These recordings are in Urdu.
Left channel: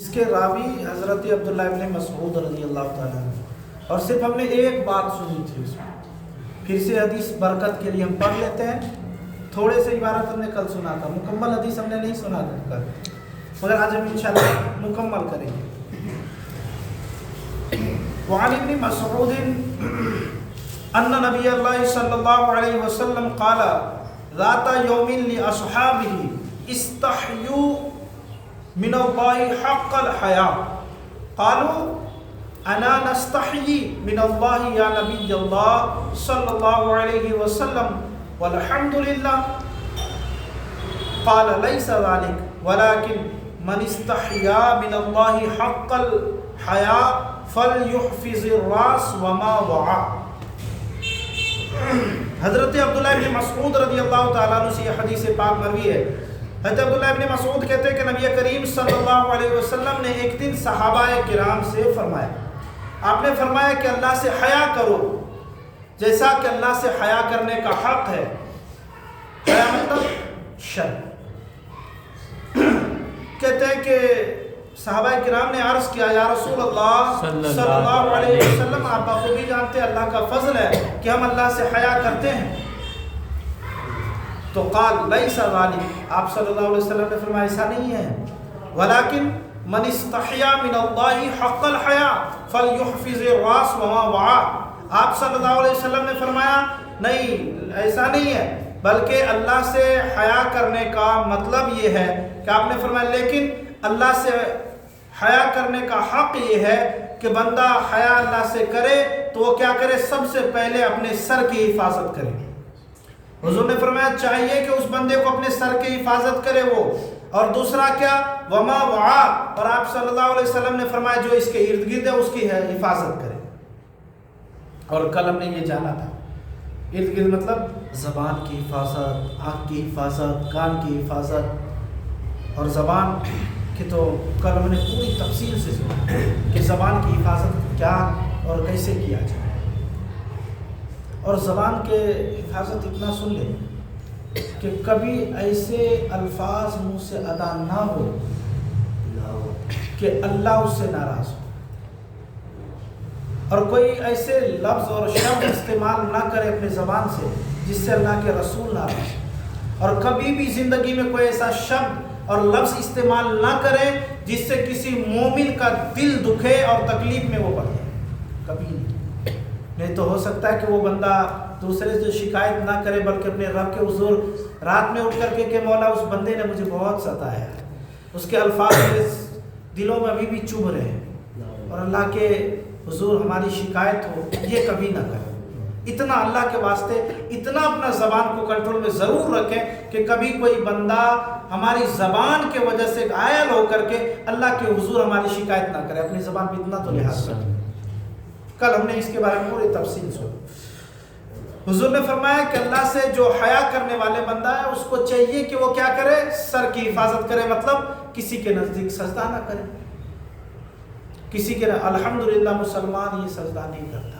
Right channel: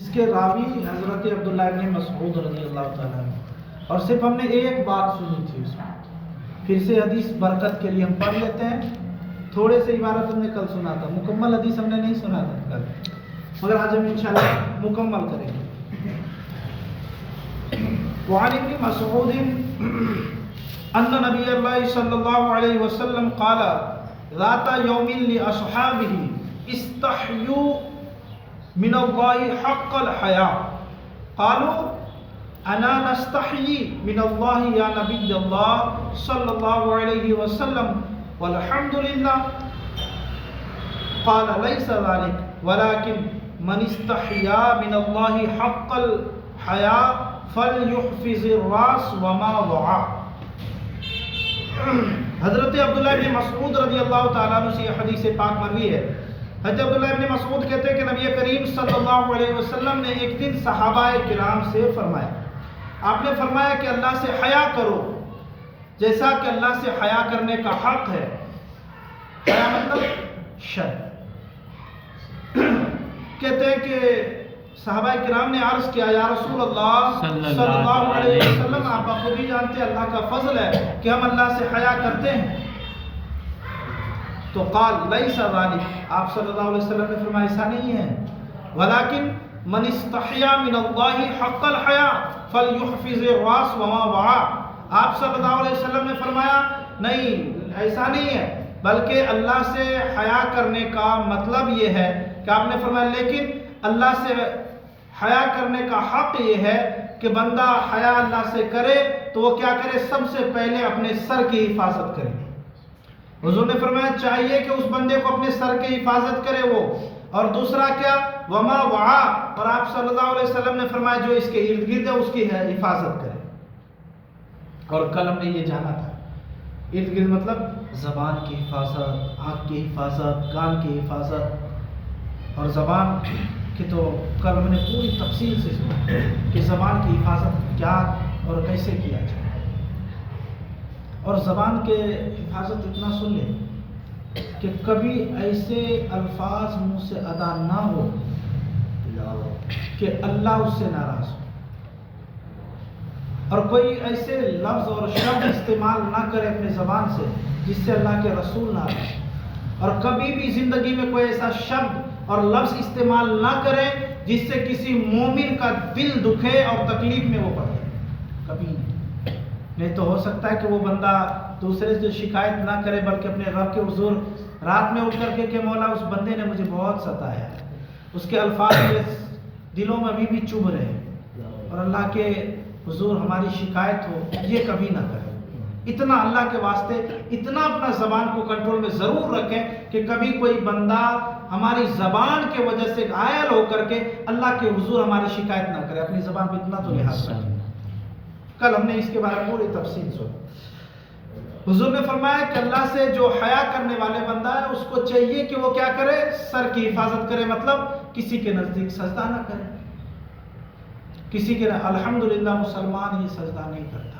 اس کے راوی حضرت عبداللہ ابن مسعود رضی اللہ تعالیٰ عنہ، اور صرف ہم نے ایک بات سنی تھی اس میں۔ پھر سے حدیث برکت کے لیے ہم پڑھ لیتے ہیں۔ تھوڑے سے عبارت ہم نے کل سنا تھا، مکمل حدیث ہم نے نہیں سنا تھا کل، مگر آج ہم انشاءاللہ مکمل کریں گے۔ وعن ابن مسعود ان نبی اللہ صلی اللہ علیہ وسلم قال ذات یوم لاصحابہ استحیوا من اللہ حق الحیاء قالوا انا نستحیی من اللہ یا نبی اللہ صلی اللہ علیہ وسلم والحمد للہ قال لیس ذلك ولكن من استحیا من اللہ حق الحیاء فلیحفظ الراس وما وعى۔ حضرت عبداللہ ابن مسعود رضی اللہ تعالیٰ عنہ سے یہ حدیث پاک مروی ہے۔ حضرت عبداللہ ابن مسعود کہتے ہیں کہ نبی کریم صلی اللہ علیہ وسلم نے ایک دن صحابہ کرام سے فرمایا، آپ نے فرمایا کہ اللہ سے حیا کرو جیسا کہ اللہ سے حیا کرنے کا حق ہے۔ حیا مطلب شرم۔ کہتے ہیں کہ صحابہ کرام نے عرض کیا، یا رسول اللہ صلی اللہ علیہ وسلم، آپ بخوبی جانتے ہیں اللہ کا فضل ہے کہ ہم اللہ سے حیا کرتے ہیں۔ تو قال لیس ذلک، آپ صلی اللہ علیہ وسلم نے فرمایا ایسا نہیں ہے، ولیکن من استحیا من اللہ حق الحیاء فلیحفظ الراس وما وعى۔ آپ صلی اللہ علیہ وسلم نے فرمایا نہیں، ایسا نہیں ہے، بلکہ اللہ سے حیا کرنے کا مطلب یہ ہے کہ آپ نے فرمایا لیکن اللہ سے حیا کرنے کا حق یہ ہے کہ بندہ حیا اللہ سے کرے تو وہ کیا کرے، سب سے پہلے اپنے سر کی حفاظت کرے۔ حضور نے فرمایا چاہیے کہ اس بندے کو اپنے سر کی حفاظت کرے وہ، اور دوسرا کیا، وما وعا، اور آپ صلی اللہ علیہ وسلم نے فرمایا جو اس کے ارد گرد ہے اس کی حفاظت کرے۔ اور کل ہم نے یہ جانا تھا ارد گرد مطلب زبان کی حفاظت، آنکھ کی حفاظت، کان کی حفاظت، اور زبان کہ تو کل ہم نے پوری تفصیل سے سنا کہ زبان کی حفاظت کیا اور کیسے کیا جائے۔ اور زبان کے حفاظت اتنا سن لیں کہ کبھی ایسے الفاظ منہ سے ادا نہ ہو کہ اللہ اس سے ناراض ہو، اور کوئی ایسے لفظ اور شبد استعمال نہ کرے اپنے زبان سے جس سے اللہ کے رسول ناراض ہو، اور کبھی بھی زندگی میں کوئی ایسا شبد اور لفظ استعمال نہ کرے جس سے کسی مومن کا دل دکھے اور تکلیف میں وہ پڑے، کبھی نہیں تو ہو سکتا ہے کہ وہ بندہ دوسرے سے شکایت نہ کرے بلکہ اپنے رب کے حضور رات میں اٹھ کر کے کہ مولا اس بندے نے مجھے بہت ستایا ہے، اس کے الفاظ میرے دلوں میں ابھی بھی چبھ رہے ہیں، اور اللہ کے حضور ہماری شکایت ہو، یہ کبھی نہ کرے۔ اتنا اللہ کے واسطے اتنا اپنا زبان کو کنٹرول میں ضرور رکھیں کہ کبھی کوئی بندہ ہماری زبان کے وجہ سے غائل ہو کر کے اللہ کے حضور ہماری شکایت نہ کرے۔ اپنی زبان پہ اتنا تو لحاظ رکھیں۔ کل ہم نے اس کے بارے میں پوری تفصیل سنی۔ حضور نے فرمایا کہ اللہ سے جو حیا کرنے والے بندہ ہے اس کو چاہیے کہ وہ کیا کرے، سر کی حفاظت کرے، مطلب کسی کے نزدیک سجدہ نہ کرے، کسی کے الحمدللہ مسلمان یہ سجدہ نہیں کرتا،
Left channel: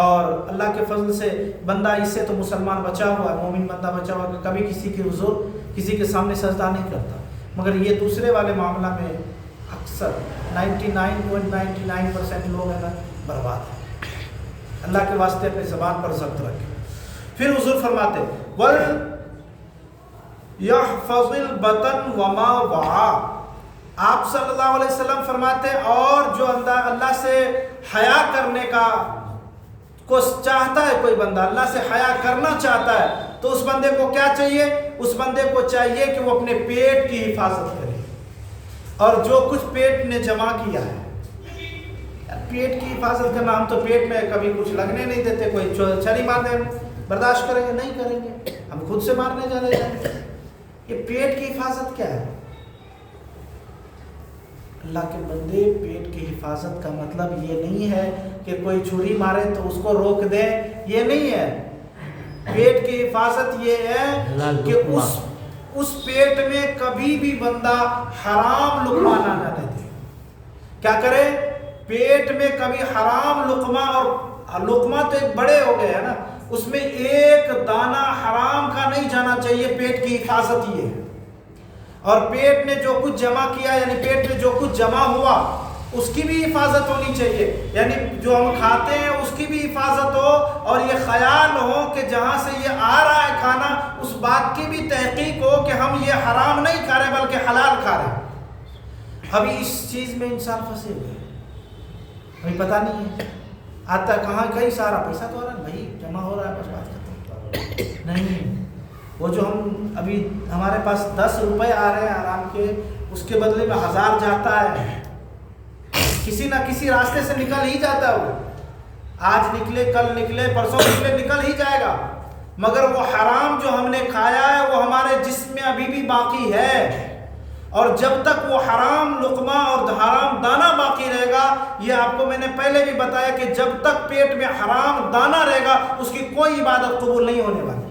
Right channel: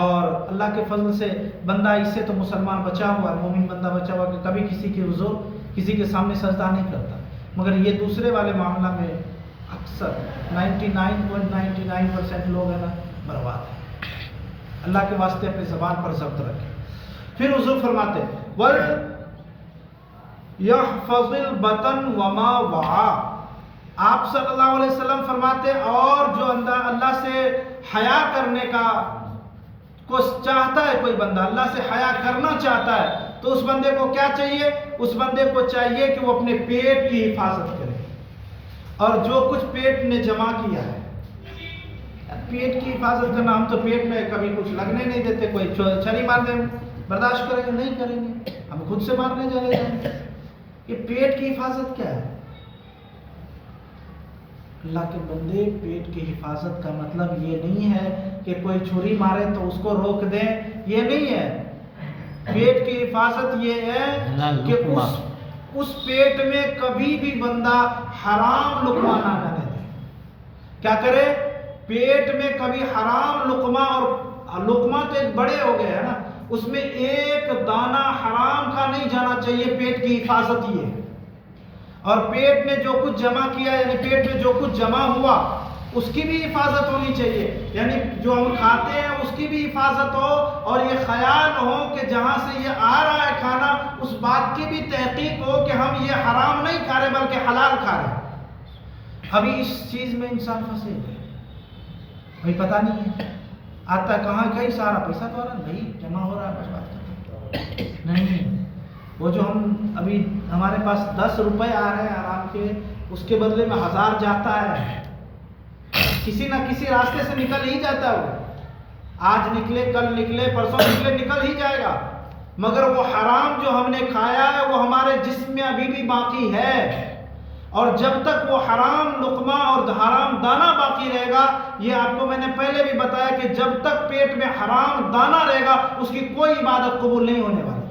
اور اللہ کے فضل سے بندہ اس سے تو مسلمان بچا ہوا ہے، مومن بندہ بچا ہوا ہے کہ کبھی کسی کے حضور کسی کے سامنے سجدہ نہیں کرتا، مگر یہ دوسرے والے معاملہ میں اکثر 99.99% لوگ ہیں نا برباد ہیں۔ اللہ کے واسطے اپنی زبان پر ضبط رکھیں۔ پھر حضور فرماتے وَلْيَحْفَظِ الْبَطَنَ وَمَا وَعَى، آپ صلی اللہ علیہ وسلم فرماتے اور جو اللہ سے حیا کرنے کا کو چاہتا ہے، کوئی بندہ اللہ سے حیا کرنا چاہتا ہے تو اس بندے کو کیا چاہیے، اس بندے کو چاہیے کہ وہ اپنے پیٹ کی حفاظت کرے، اور جو کچھ پیٹ نے جمع کیا ہے، پیٹ کی حفاظت کرنا، ہم تو پیٹ میں کبھی کچھ لگنے نہیں دیتے، کوئی چھری مارنے برداشت کریں گے نہیں کریں گے، ہم خود سے مارنے چلے جائیں گے۔ یہ پیٹ کی حفاظت کیا ہے؟ اللہ کے بندے، پیٹ کی حفاظت کا مطلب یہ نہیں ہے کہ کوئی چھری مارے تو اس کو روک دیں، یہ نہیں ہے۔ پیٹ کی حفاظت یہ ہے کہ اس پیٹ میں کبھی بھی بندہ حرام لقمہ نہ ڈالے، کیا کرے، پیٹ میں کبھی حرام لقمہ، اور لقمہ تو ایک بڑے ہو گئے ہے نا، اس میں ایک دانہ حرام کا نہیں جانا چاہیے۔ پیٹ کی حفاظت یہ ہے، اور پیٹ نے جو کچھ جمع کیا یعنی پیٹ میں جو کچھ جمع ہوا اس کی بھی حفاظت ہونی چاہیے، یعنی جو ہم کھاتے ہیں اس کی بھی حفاظت ہو، اور یہ خیال ہو کہ جہاں سے یہ آ رہا ہے کھانا اس بات کی بھی تحقیق ہو کہ ہم یہ حرام نہیں کھا رہے بلکہ حلال کھا رہے ہیں۔ ابھی اس چیز میں انسان پھنسے ہوئے ہیں، ابھی پتہ نہیں ہے، آتا کہاں کہیں سارا پیسہ تو آ رہا ہے نہیں جمع ہو رہا ہے بس بات ختم نہیں۔ وہ جو ہم ابھی ہمارے پاس 10 روپے آ رہے ہیں آرام کے، اس کے بدلے میں 1000 جاتا ہے، کسی نہ کسی راستے سے نکل ہی جاتا ہے، وہ آج نکلے کل نکلے پرسوں نکلے نکل ہی جائے گا، مگر وہ حرام جو ہم نے کھایا ہے وہ ہمارے جسم میں ابھی بھی باقی ہے، اور جب تک وہ حرام لقمہ اور حرام دانہ باقی رہے گا، یہ آپ کو میں نے پہلے بھی بتایا کہ جب تک پیٹ میں حرام دانہ رہے گا اس کی کوئی عبادت قبول نہیں ہونے والی،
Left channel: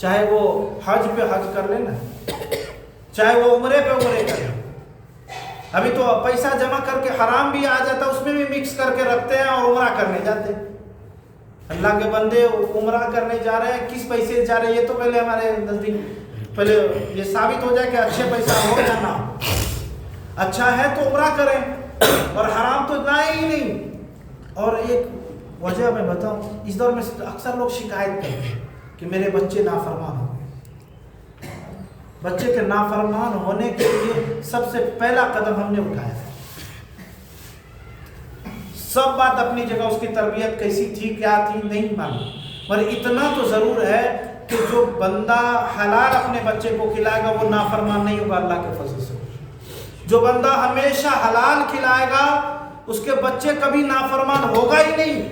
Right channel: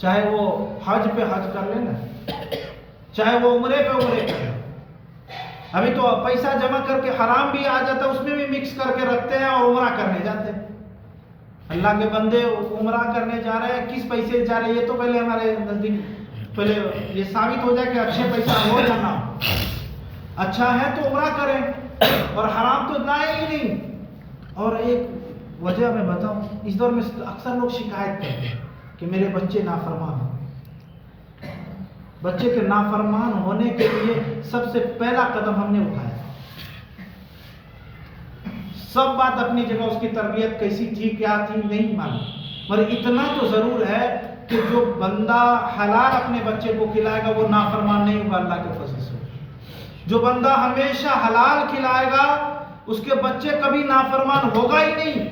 چاہے وہ حج پہ حج کر لے نا، چاہے وہ عمرے پہ عمرے کر لے۔ ابھی تو پیسہ جمع کر کے حرام بھی آ جاتا ہے، اس میں بھی مکس کر کے رکھتے ہیں اور عمرہ کرنے جاتے ہیں۔ اللہ کے بندے عمرہ کرنے جا رہے ہیں، کس پیسے سے جا رہے ہیں یہ تو پہلے ہمارے نزدیک پہلے یہ ثابت ہو جائے کہ اچھے پیسہ ہو یا نہ، اچھا ہے تو عمرہ کریں اور حرام تو لائیں ہی نہیں۔ اور ایک وجہ میں بتاؤں، اس دور میں اکثر لوگ شکایت کرتے ہیں کہ میرے بچے نافرمان ہو، بچے کے نافرمان ہونے کے لیے سب سے پہلا قدم ہم نے اٹھایا، سب بات اپنی جگہ، اس کی تربیت کیسی تھی کیا تھی نہیں معلوم، پر اتنا تو ضرور ہے کہ جو بندہ حلال اپنے بچے کو کھلائے گا وہ نافرمان نہیں ہوگا اللہ کے فضل سے، جو بندہ ہمیشہ حلال کھلائے گا اس کے بچے کبھی نافرمان ہوگا ہی نہیں،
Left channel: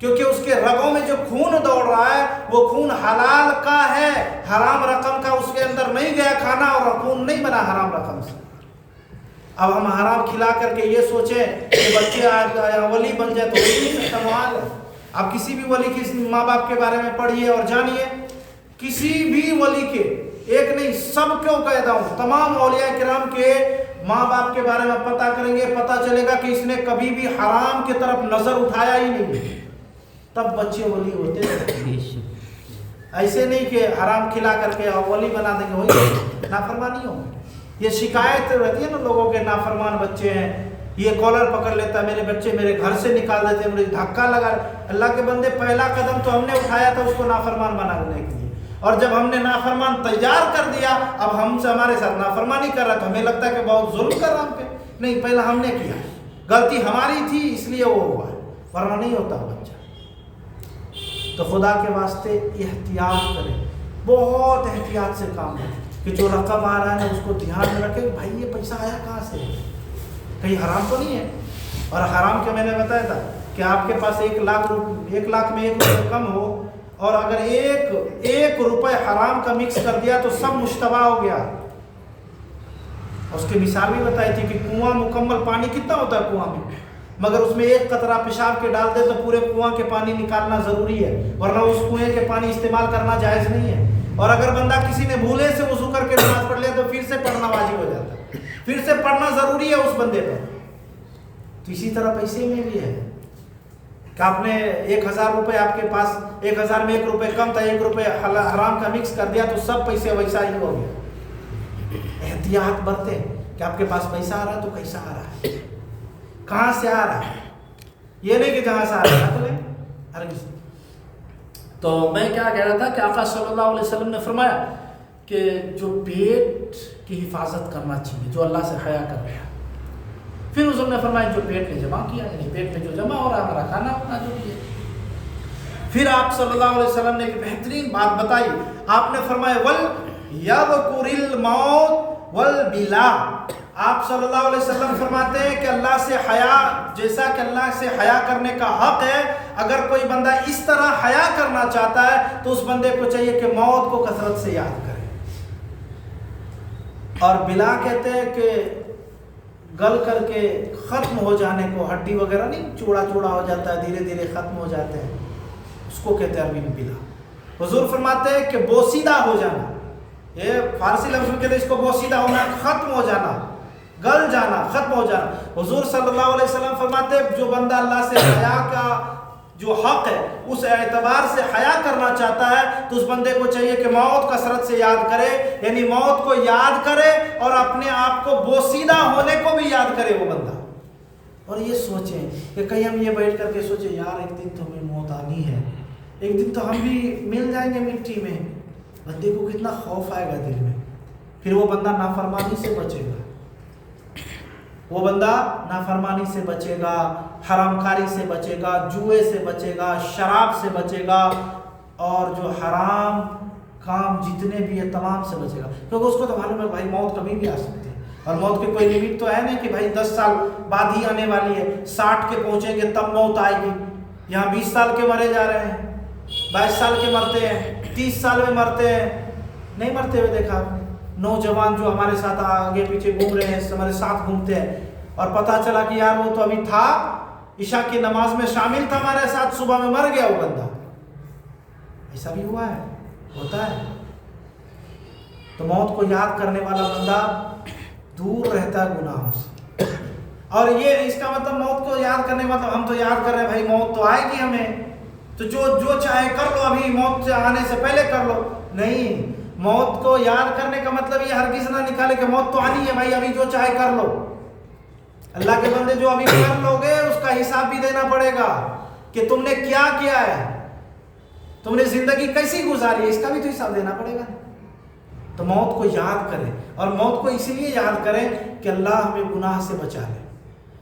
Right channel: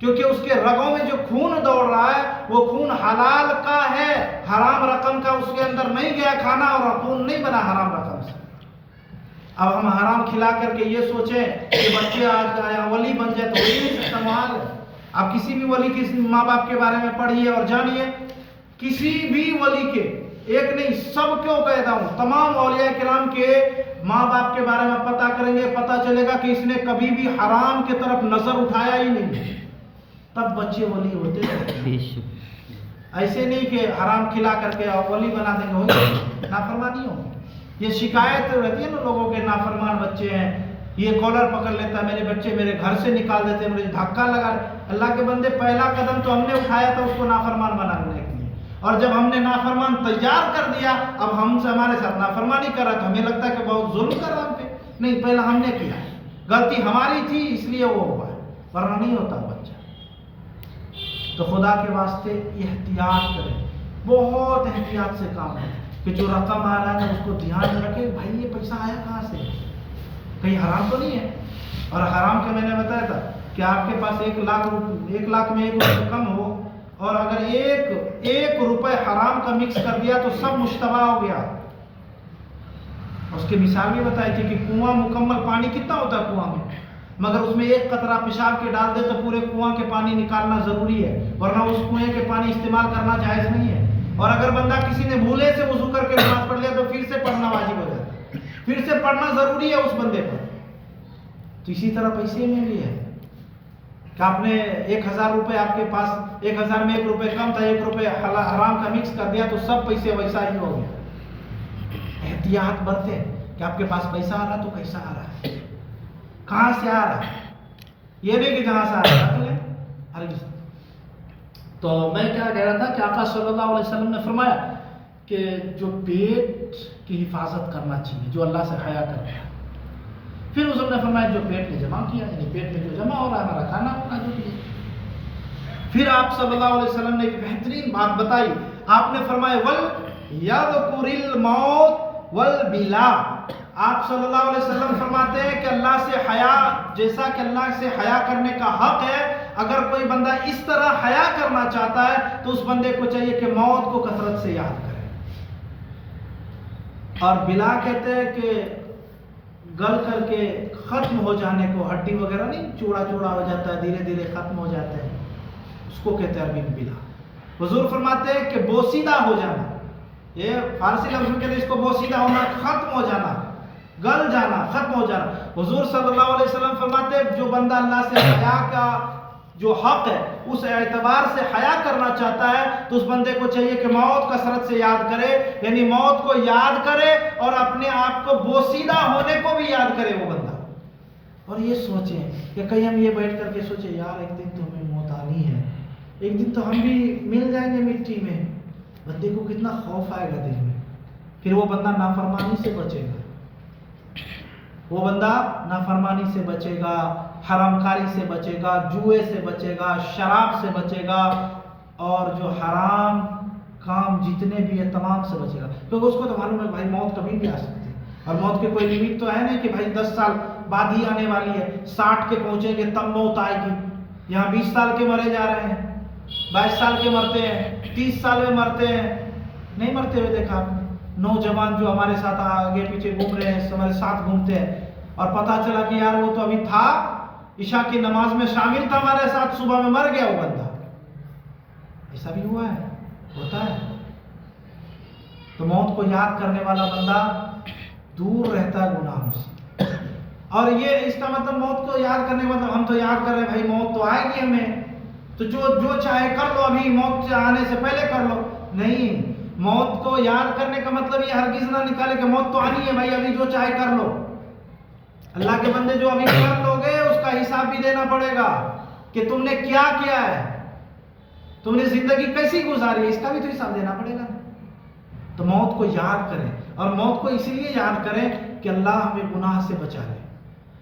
کیونکہ اس کے رگوں میں جو خون دوڑ رہا ہے وہ خون حلال کا ہے، حرام رقم کا اس کے اندر نہیں گیا کھانا اور خون نہیں بنا حرام رقم سے۔ اب ہم حرام کھلا کر کے یہ سوچیں کہ بچے ولی بن جائے تو ہو ہی نہیں سکتا محال ہے۔ آپ کسی بھی ولی کے ماں باپ کے بارے میں پڑھیے اور جانیے، کسی بھی ولی کے، ایک نہیں سب کیوں کہتا ہوں، تمام اولیاء کرام کے ماں باپ کے بارے میں پتہ کریں گے، پتہ چلے گا کہ اس نے کبھی بھی حرام کی طرف نظر اٹھایا ہی نہیں، تب بچے ولی ہوتے ہیں۔ ایسے نہیں کہ حرام کھلا کر کے ولی بنا دیں گے، وہی نافرمانی ہو۔ یہ شکایت رہتی ہے نا لوگوں کے، نافرمان بچے ہیں، یہ کالر پکڑ لیتا ہے، میرے بچے میرے گھر سے نکال دیتے ہیں، مجھے دھکا لگا۔ اللہ کے بندے پہلا قدم تو ہم نے اٹھایا تھا اس کو نافرمان بنانے کے لیے، اور جب ہم نے نافرمان تیار کر دیا اب ہم سے ہمارے ساتھ نافرمانی کر رہا تو ہمیں لگتا ہے کہ بہت ظلم کر رہا ہم پہ، نہیں پہلا ہم نے کیا، غلطی ہماری تھی اس لیے وہ ہوا، ورنہ نہیں ہوتا بچہ۔ تو خدا کے واسطے احتیاط کریں، بہت احتیاط سے کام کریں کہ جو رقم آ رہا ہے اس کو دھیان میں رکھیں، بھائی یہ پیسہ آیا کہاں سے، کہیں حرام تو نہیں ہے۔ اور حرام کے میں نے بتایا تھا کہ آپ کے پاس 1 لاکھ میں 1 روپے کم ہو اور اگر ایک روپے حرام کا مکس کر دیا تو سب مشتبہ ہو گیا۔ اس کی مثال بھی بتائی تھی کہ کنواں مکمل پانی کتنا ہوتا ہے کنواں میں، مگر اس میں 1 قطرہ پیشاب کے ڈال دے تو پورے کنواں کے پانی نکالنا ضروری ہے، ورنہ اس کنویں کے پانی استعمال کرنا جائز نہیں ہے۔ اور اگر بندہ کسی نے بھولے سے وضو کر کے نماز پڑھ لیا تو پھر سے پڑھنا واجب ہو جاتا ہے، پھر سے پڑھنا ضروری ہے اس بندے پر۔ تو اسی طرح پیسے میں بھی ہے کہ آپ نے 1000 روپے آپ کے پاس 1000 میں 1 روپے کم تھا، 1 روپے حرام کا مکس کر دیا تو سب پیسے ویسا ہی ہو گیا۔ احتیاط برتیں کہ آپ کے پاس پیسہ آ رہا ہے تو کیسا آ رہا ہے، کہاں سے آ رہا ہے، یہ نہیں کہ جہاں سے آ رہا ہے تو لیں۔ تو میں کیا کہہ رہا تھا کہ آقا صلی اللہ علیہ وسلم نے فرمایا کہ جو پیٹ کی حفاظت کرنا چاہیے، جو اللہ سے حیا کر رہا ہے، پھر اس نے فرمایا جو پیٹ میں جمع کیا، یعنی پیٹ میں جو جمع ہو رہا ہے ہمارا کھانا اپنا جو بھی ہے۔ پھر آپ صلی اللہ علیہ وسلم نے ایک بہترین بات بتائی، آپ نے فرمایا وَلْيَذْكُرِ الْمَوْتَ وَالْبِلَا۔ آپ صلی اللہ علیہ وسلم فرماتے ہیں کہ اللہ سے حیا، جیسا کہ اللہ سے حیا کرنے کا حق ہے، اگر کوئی بندہ اس طرح حیا کرنا چاہتا ہے تو اس بندے کو چاہیے کہ موت کو کثرت سے یاد کرے۔ اور بلا کہتے ہیں کہ گل کر کے ختم ہو جانے کو، ہڈی وغیرہ نہیں چوڑا چوڑا ہو جاتا ہے، دھیرے دھیرے ختم ہو جاتا ہے، اس کو کہتے ہیں عربی میں بلا۔ حضور فرماتے ہیں کہ بوسیدہ ہو جانا، یہ فارسی لفظ میں کہتے ہیں اس کو بوسیدہ ہونا، ختم ہو جانا، گل جانا، ختم ہو جانا۔ حضور صلی اللہ علیہ وسلم فرماتے ہیں جو بندہ اللہ سے حیا کا جو حق ہے اس اعتبار سے حیا کرنا چاہتا ہے تو اس بندے کو چاہیے کہ موت کثرت سے یاد کرے، یعنی موت کو یاد کرے اور اپنے آپ کو بوسیدہ ہونے کو بھی یاد کرے وہ بندہ، اور یہ سوچیں کہ کہیں ہم یہ بیٹھ کر کے سوچیں یار ایک دن تو ہمیں موت آنی ہے، ایک دن تو ہم بھی مل جائیں گے مٹی میں، بندے کو کتنا خوف آئے گا دل میں، پھر وہ بندہ نافرمانی سے بچے گا، وہ بندہ نافرمانی سے بچے گا، حرام کاری سے بچے گا، جوئے سے بچے گا، شراب سے بچے گا، اور جو حرام کام جتنے بھی ہے تمام سے بچے گا، کیونکہ اس کو تو معلوم ہے بھائی موت کبھی بھی آ سکتی ہے، اور موت کے کوئی لمٹ تو ہے نہیں کہ بھائی 10 سال بعد ہی آنے والی ہے، 60 کے پہنچیں گے تب موت آئے گی، یہاں 20 سال کے مرے جا رہے ہیں، 22 سال کے مرتے ہیں، 30 سال میں مرتے ہیں، نہیں مرتے ہوئے دیکھا، نوجوان جو ہمارے ساتھ آگے پیچھے گھوم رہے ہیں، ہمارے ساتھ گھومتے ہیں، اور پتہ چلا کہ یار وہ تو ابھی تھا، عشاء کی نماز میں شامل تھا ہمارے ساتھ، صبح میں مر گیا وہ بندہ، ایسا بھی ہوا ہے، ہوتا ہے۔ تو موت کو یاد کرنے والا بندہ دور رہتا ہے گناہوں سے، اور یہ اس کا مطلب موت کو یاد کرنے کا مطلب ہم تو یاد کر رہے ہیں بھائی موت تو آئے گی ہمیں، تو جو چاہے کر لو، ابھی موت آنے سے پہلے کر لو، نہیں، موت کو یاد کرنے کا مطلب یہ ہرگز نہ نکالے کہ موت تو آنی ہے بھائی ابھی جو چاہے کر لو، اللہ کے بندے جو ابھی کر لو گے اس کا حساب بھی دینا پڑے گا کہ تم نے کیا کیا ہے، تم نے زندگی کیسی گزاری ہے، اس کا بھی تو حساب دینا پڑے گا نا۔ تو موت کو یاد کریں، اور موت کو اسی لیے یاد کریں کہ اللہ ہمیں گناہ سے بچا لے،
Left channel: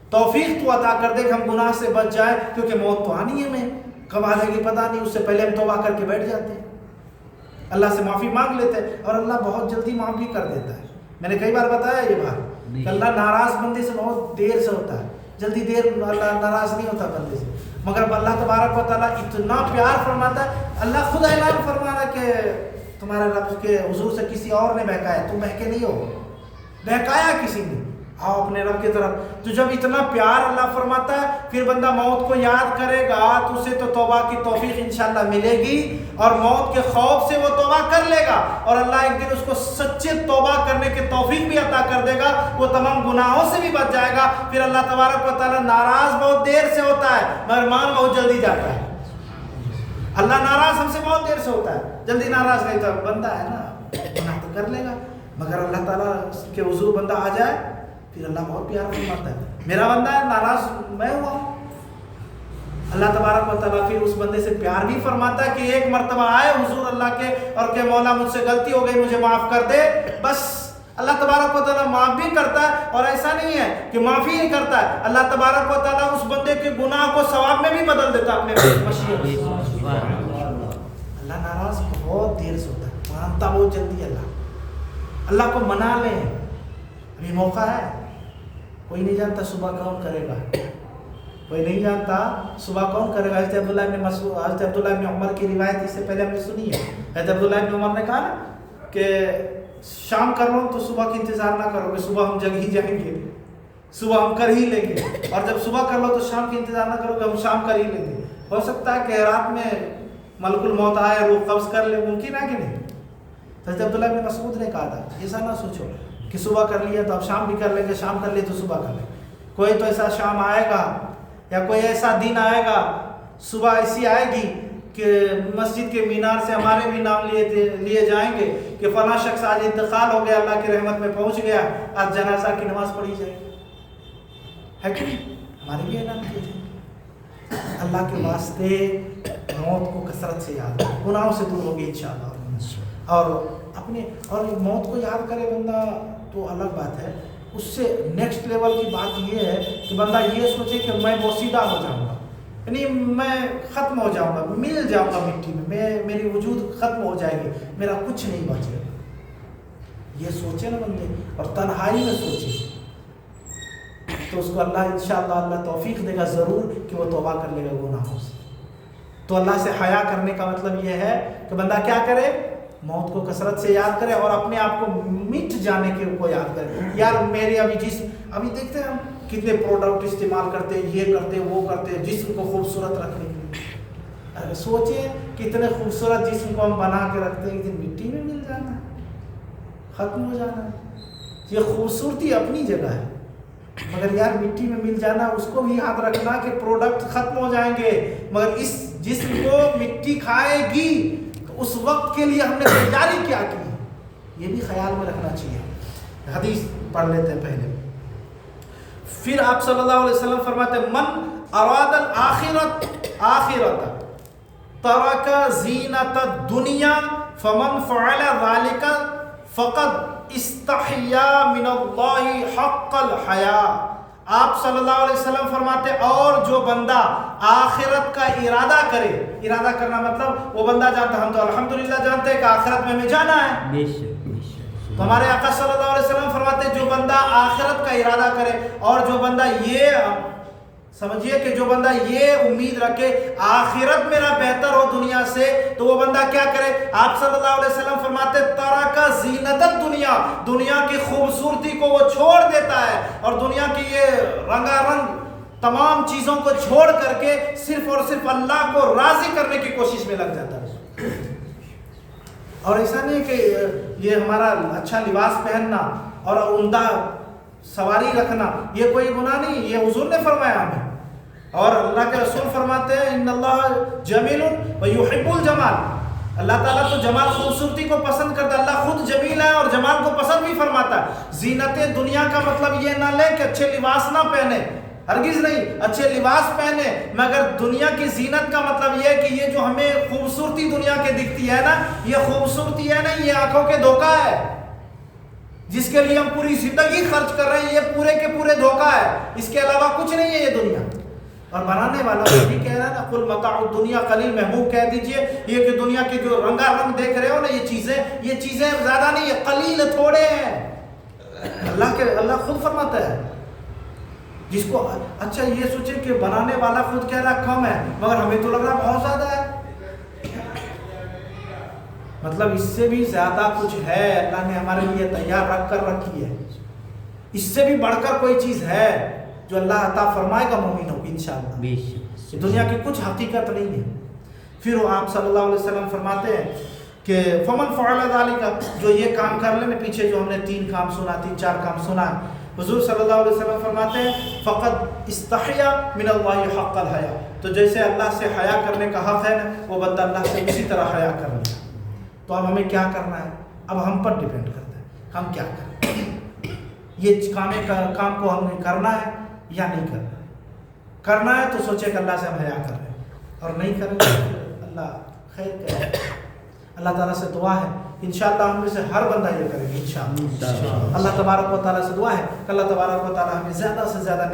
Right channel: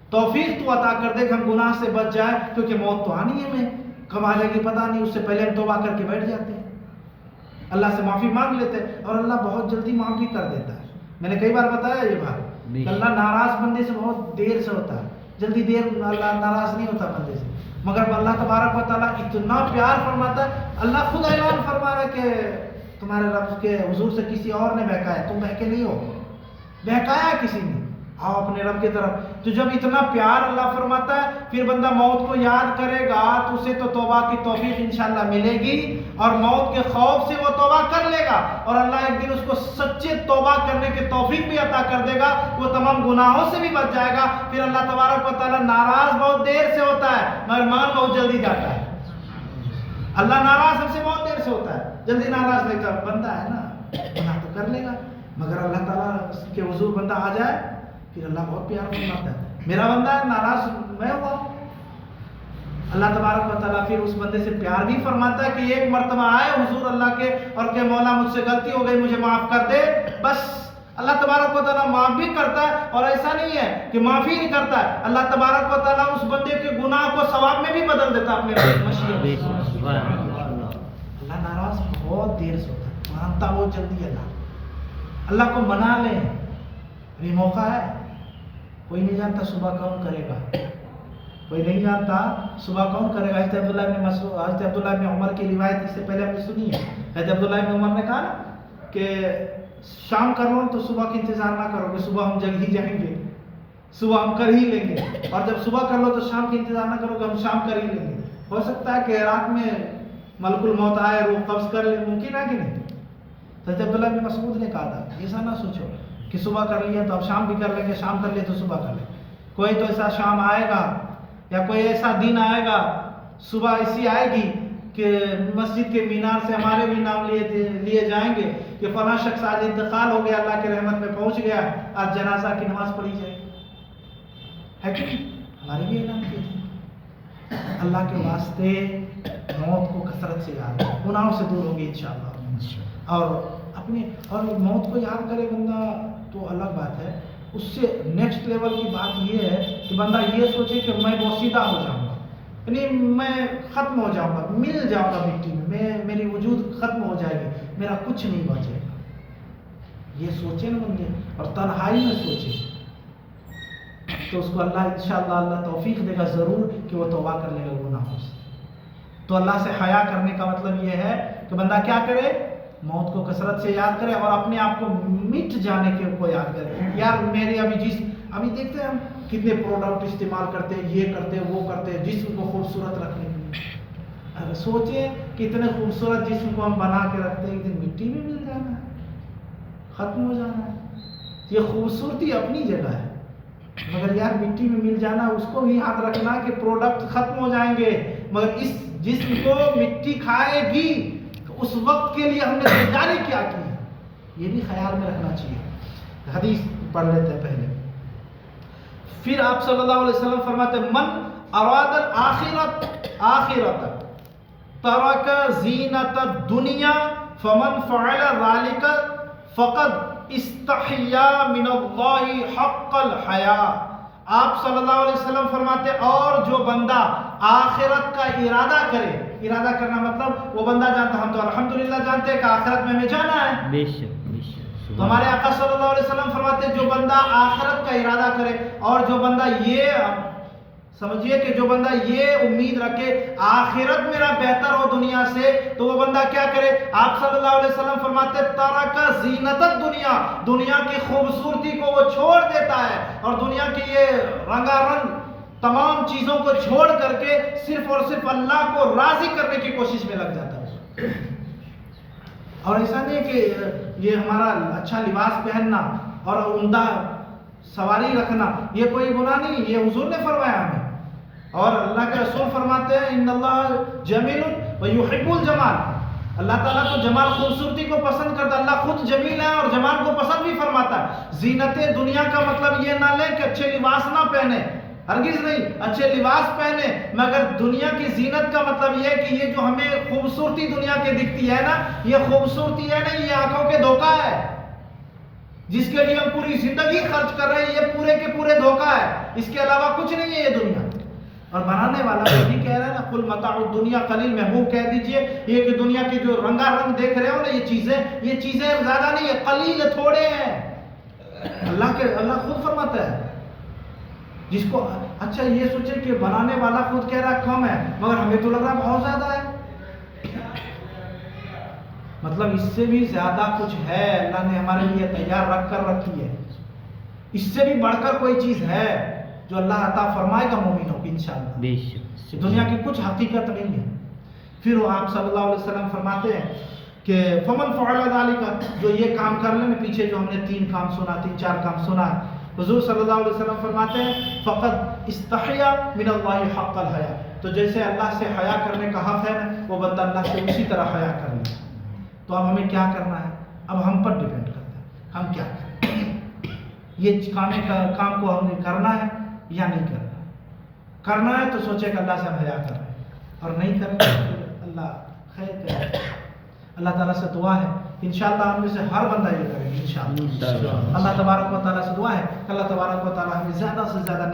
توفیق تو عطا کر دے کہ ہم گناہ سے بچ جائیں، کیونکہ موت تو آنی ہے، ہمیں کب آ جائے گی پتہ نہیں، اس سے پہلے ہم توبہ کر کے بیٹھ جاتے ہیں، اللہ سے معافی مانگ لیتے ہیں، اور اللہ بہت جلدی معاف بھی کر دیتا ہے۔ میں نے کئی بار بتایا یہ بات کہ اللہ ناراض بندے سے بہت دیر سے ہوتا ہے، جلدی دیر اللہ ناراض نہیں ہوتا بندے سے، مگر اللہ تبارک و تعالیٰ اتنا پیار فرماتا ہے، اللہ خود اعلان فرماتا ہے کہ تمہارے رب کے حضور سے کسی اور نے بہکایا، تم بہکے نہیں ہو، بہکایا کسی نے، آؤ اپنے رب کی طرف۔ تو جب اتنا پیار اللہ فرماتا ہے پھر بندہ موت کو یاد کرے گا تو اسے تو توبہ کی توفیق انشاءاللہ ملے گی، اور موت کے خوف سے وہ توبہ کر لے گا، اور اللہ ایک دن اس کو سچے توبہ کرنے کی توفیق بھی عطا کر دے گا، وہ تمام گناہوں سے بھی بچ جائے گا۔ پھر اللہ تبارک و تعالیٰ ناراض بہت دیر سے ہوتا ہے مگر مان بہت جلدی جاتا ہے۔ اللہ ناراض ہم سے بہت دیر سے ہوتا ہے، جلدی ناراض نہیں ہوتا، بندہ ہے نا گناہ تو کر لے گا، مگر اللہ تعالیٰ کے حضور بندہ آ جائے پھر اللہ بہت پیار فرماتا ہے، میرا بندہ ہے ناراض میں ہوا، اللہ تبارک و تعالیٰ پھر اس بندے سے پیار بھی فرماتا ہے کہ ایک مرتبہ آئے حضور اللہ کے اور کہ مولا مجھ سے غلطی ہو گئی مجھے معاف کر دے، بس اللہ تبارک و تعالیٰ معاف بھی کرتا ہے، اور ایسا نہیں ہے کہ معافی نہیں کرتا ہے، اللہ تبارک و تعالیٰ اس بندے کے گناہ کو ثواب میں بھی بدل دیتا ہے اپنے مشیت۔ اللہ ناراض بہت دیر سے ہوتا ہے، مانتا بہت جلدی ہے اللہ کو منا لیں، ابھی موقع ہے، کوئی نہیں جانتا صبح کون کرے گا، کوئی نہیں جانتا صبح کون کرے گا۔ حضرت عبداللہ ابن عمر کی روایت اس سے پہلے ہم نے سنی ہے، حضرت عبداللہ ابن عمر نے کہا نا کہ شام کر لو تو صبح کی انتظار نہ کرو گے، صبح ہم جگ ہی جائیں گے، صبح ہم کر ہی لیں گے، اور جب صبح کر لو تو شام کی انتظار نہ کرو گے، ہم شام کر ہی لیں گے۔ ہو سکتا ہے کہ رات میں ملک الموت آئے، روح قبض کر لے، ممکن ہے کہ نہیں؟ حضرت عبداللہ ابن مسعود نے کہا تھا ایسا نہ سوچو کہ صبح کر لیا تو اب شام بھی کر لیں گے، شام کر لیے تو صبح کر لیں گے، کوئی تو ایسا شام آئے گا یا کوئی ایسا دن آئے گا، صبح ایسی آئے گی کہ مسجد کے مینار سے ہمارے بھی نام لیے جائیں گے کہ فلاں شخص آج انتقال ہو گیا، اللہ کی رحمت میں پہنچ گیا، آج جنازہ کی نماز پڑھی جائے، ہے کہ ہمارے بھی اعلان کیے تھے۔ اللہ کے واسطے موت کو کثرت سے یاد کریں، گناہوں سے دور ہوگی انشاءاللہ، اور موت کو یاد کرے بندہ تو الگ بات ہے، اس سے نیکسٹ لیول کی بات یہ ہے کہ بندہ یہ سوچے کہ میں بوسیدہ ہو جاؤں گا، یعنی میں ختم ہو جاؤں گا، مل جاؤں گا مٹی میں، میری وجود ختم ہو جائے گی، میرا کچھ نہیں بچے گا، یہ سوچے نا بندے، اور تنہائی میں سوچے تو اس کو اللہ انشاءاللہ اللہ توفیق دے گا ضرور کہ وہ توبہ کر لے گا گناہوں سے۔ تو اللہ سے حیا کرنے کا مطلب یہ ہے کہ بندہ کیا کرے، موت کو کثرت سے یاد کرے اور اپنے آپ کو مٹ جانے کے کو یاد کرے، یار میرے ابھی دیکھتے ہیں ہم کتنے پروڈکٹ استعمال کرتے ہیں، یہ کرتے وہ کرتے جسم کو خوبصورت رکھنے کے لیے، سوچیں کتنے خوبصورت جسم کو ہم بنا کے رکھتے ہیں، ایک دن مٹی میں مل جانا ہے، ختم ہو جانا ہے۔ یہ خوبصورتی اپنی جگہ ہے، مگر یار مٹی میں مل جانا، اس کو بھی یاد رکھنا کہ پروڈکٹ ختم ہو جائیں گے، مگر اس جسم کو مٹی کھائے گی اس وقت کے لیے ہم نے تیاری کیا کی ہے، یہ بھی خیال میں رکھنا چاہیے۔ حدیث پڑھ لیتے ہیں پہلے، پھر آپ صلی اللہ علیہ وسلم فرماتے ہیں من اراد الآخرت ترک زینت الدنیا فمن فعل ذلك فقد استحیا من اللہ حق الحیا۔ آپ صلی اللہ علیہ وسلم فرماتے اور جو بندہ آخرت کا ارادہ کرے، ارادہ کرنا مطلب وہ بندہ جانتا، ہم تو الحمدللہ جانتے ہیں کہ آخرت میں ہمیں جانا ہے، بے شک تو ہمارے آقا صلی اللہ علیہ وسلم فرماتے جو بندہ آخرت کا ارادہ کرے اور جو بندہ یہ سمجھیے کہ جو بندہ یہ امید رکھے آخرت میرا بہتر ہو دنیا سے، تو وہ بندہ کیا کرے؟ آپ صلی اللہ علیہ وسلم فرماتے ترک زینت الدنیا، دنیا کی خوبصورتی کو وہ چھوڑ دیتا ہے اور دنیا کی یہ رنگا رنگ تمام چیزوں کو چھوڑ کر کے صرف اور صرف اللہ کو راضی کرنے کی کوشش میں لگ جاتا ہے۔ اور ایسا نہیں کہ یہ ہمارا اچھا لباس پہننا اور عمدہ سواری رکھنا یہ کوئی گناہ نہیں، یہ حضور نے فرمایا ہمیں، اور اللہ کے رسول فرماتے ہیں ان اللہ جمیل ویحب الجمال، اللہ تعالیٰ تو جمال خوبصورتی کو پسند کرتا ہے، اللہ خود جمیل ہے اور جمال کو پسند بھی فرماتا ہے۔ زینت دنیا کا مطلب یہ نہ لے کہ اچھے لباس نہ پہنے، ہرگز نہیں، اچھے لباس پہنے، مگر دنیا کی زینت کا مطلب یہ ہے کہ یہ جو ہمیں خوبصورتی دنیا کے دکھتی ہے نا، یہ خوبصورتی ہے نہیں، یہ آنکھوں کے دھوکہ ہے، جس کے لیے ہم پوری زندگی خرچ کر رہے ہیں، یہ پورے کے پورے دھوکہ ہے، اس کے علاوہ کچھ نہیں ہے یہ دنیا۔ اور بنانے والا بھی کہہ رہا ہے نا قل متاع الدنیا قلیل، محبوب کہہ دیجئے یہ کہ دنیا کی جو رنگا رنگ دیکھ رہے ہو نا یہ چیزیں زیادہ نہیں ہے، قلیل تھوڑے ہیں۔ اللہ خود فرماتا ہے، جس کو اچھا یہ سوچے کہ بنانے والا خود کہہ رہا کم ہے مگر ہمیں تو لگ رہا بہت زیادہ ہے، مطلب اس سے بھی زیادہ کچھ ہے اللہ نے ہمارے لیے تیار رکھ کر رکھی ہے، اس سے بھی بڑھ کر کوئی چیز ہے جو اللہ عطا فرمائے گا مومنوں کو انشاءاللہ۔ دنیا کی کچھ حقیقت نہیں ہے۔ پھر وہ آپ صلی اللہ علیہ وسلم فرماتے ہیں کہ فمن فعل ذلك، جو یہ کام کر لے، پیچھے جو ہم نے 3 4 کام سنا، حضور صلی اللہ علیہ وسلم فرماتے ہیں فقد استحیا من اللہ حق الحیا، تو جیسے اللہ سے حیا کرنے کا حق ہے وہ بندہ اللہ سے اسی طرح حیا کر لے۔ تو اب ہمیں کیا کرنا ہے؟ اب ہم پر ڈیپینڈ کرتا ہے ہم کیا کریں، یہ کام کو ہمیں کرنا ہے یا نہیں کرنا ہے تو سوچے کہ اللہ سے ہم حیا کر رہے ہیں، اور نہیں کریں تو اللہ خیر کرے۔ اللہ تعالیٰ سے دعا ہے انشاءاللہ ہم میں سے ہر بندہ یہ کرے گا انشاءاللہ۔ اللہ تبارک و تعالیٰ سے دعا ہے کہ اللہ تبارک و تعالیٰ ہمیں زیادہ سے زیادہ